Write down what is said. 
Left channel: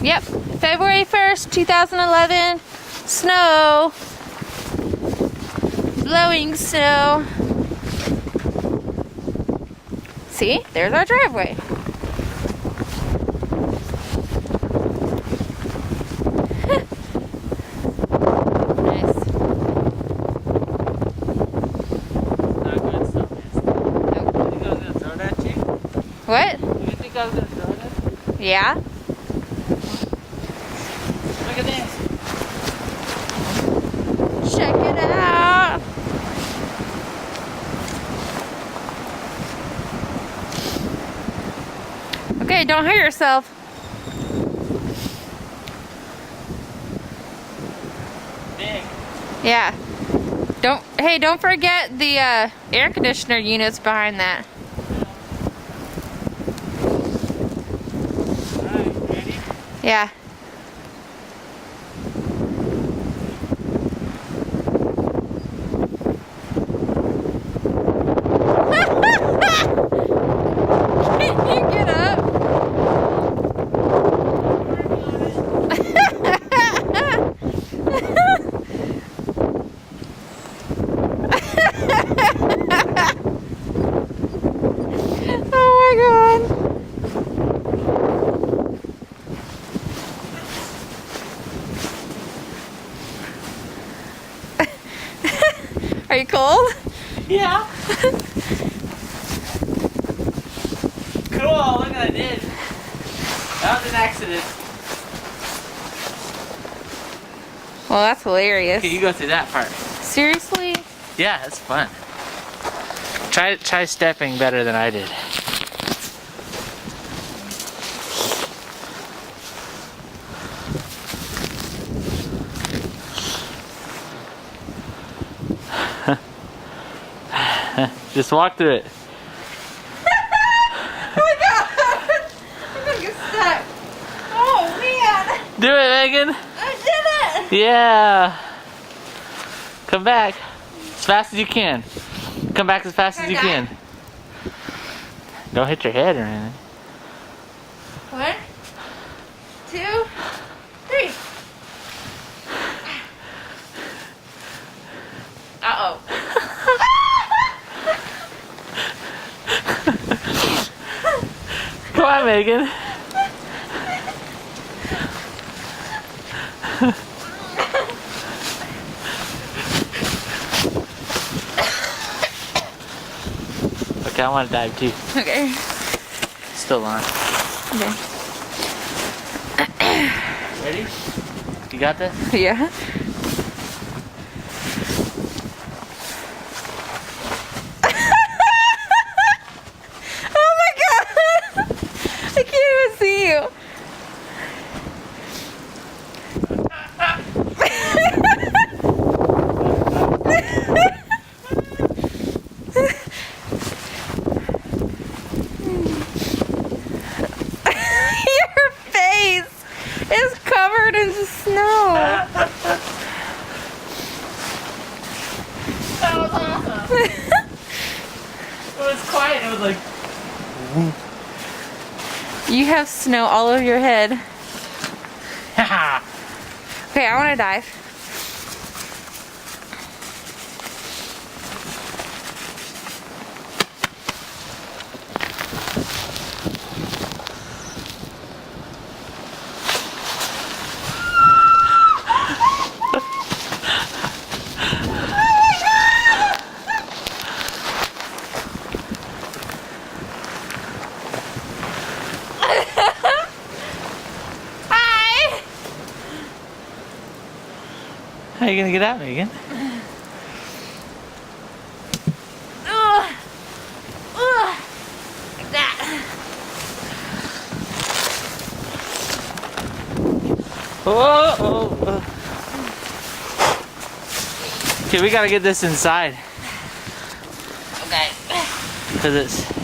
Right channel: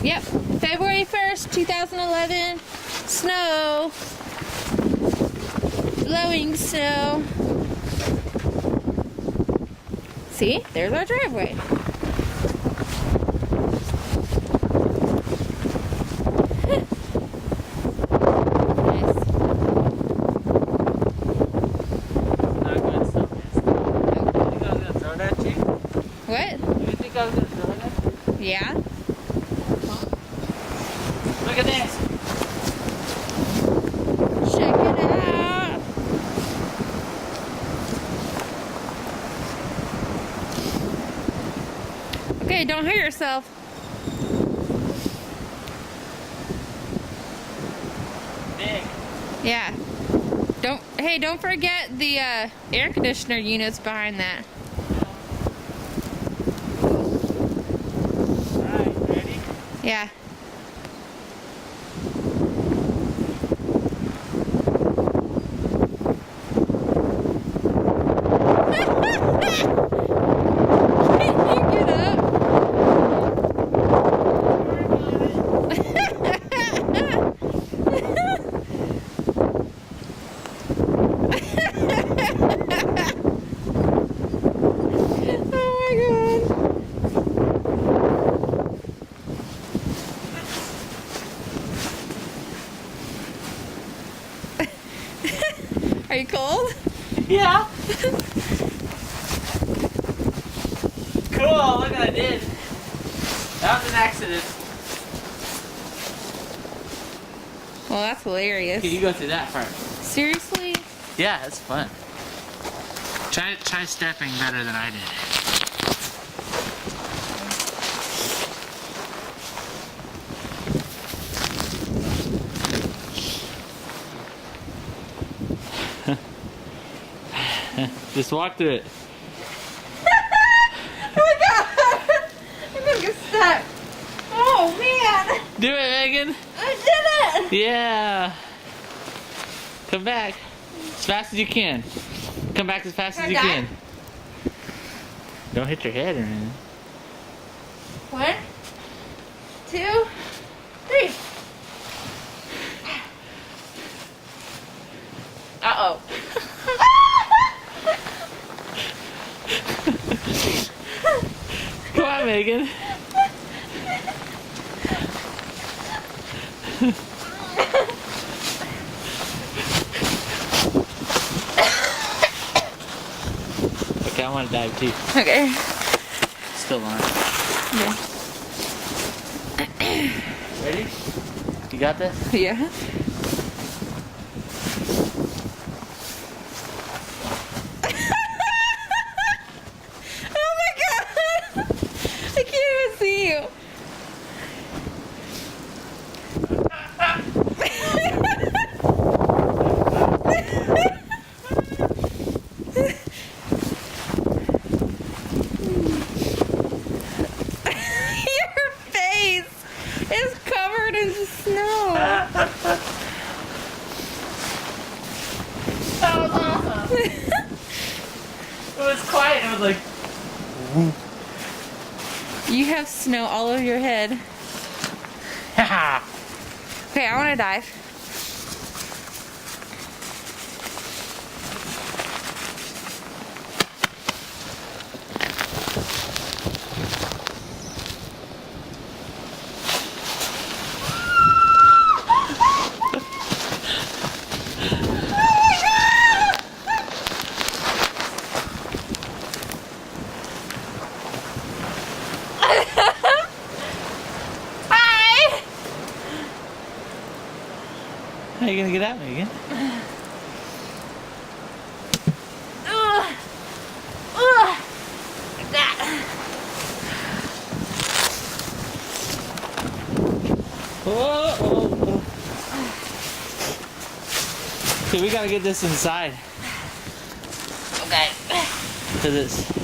Yep, February 1st, 2011. Snow. Blowing snow. See, there's our driveway. Nice. Not good stuff, man. Nope. You think I was gonna throw that at you? What? You think I was gonna throw it at you? Yeah? Look at this. Check it out. Okay, don't hurt yourself. Big. Yeah. Don't forget the air conditioner units behind that. Alright, ready? Yeah. Can you get up? Oh my god. Are you cold? Yeah. Cool, look what I did. That was an accident. Well, that's hilarious. Okay, you go through that part. Seriously? Yeah, it's fun. Try stepping better than I did. Just walk through it. Oh my god! I'm gonna get stuck. Oh man! Do it, Megan. I did it! Yeah. Come back as fast as you can. Come back as fast as you can. Don't hit your head or anything. 1, 2, 3. Uh-oh. Come on, Megan. Okay, I want to dive too. Okay. Still on. Okay. Ready? You got this? Yeah. Oh my god! I can't even see you. Your face is covered in snow. That was awesome. It was quiet. It was like. Whoop. You have snow all over your head. Okay, I want to dive. Hi! How are you gonna get out, Megan? Ugh. Ugh. Like that. Oh. Okay, we gotta get this inside. Okay. Cause it's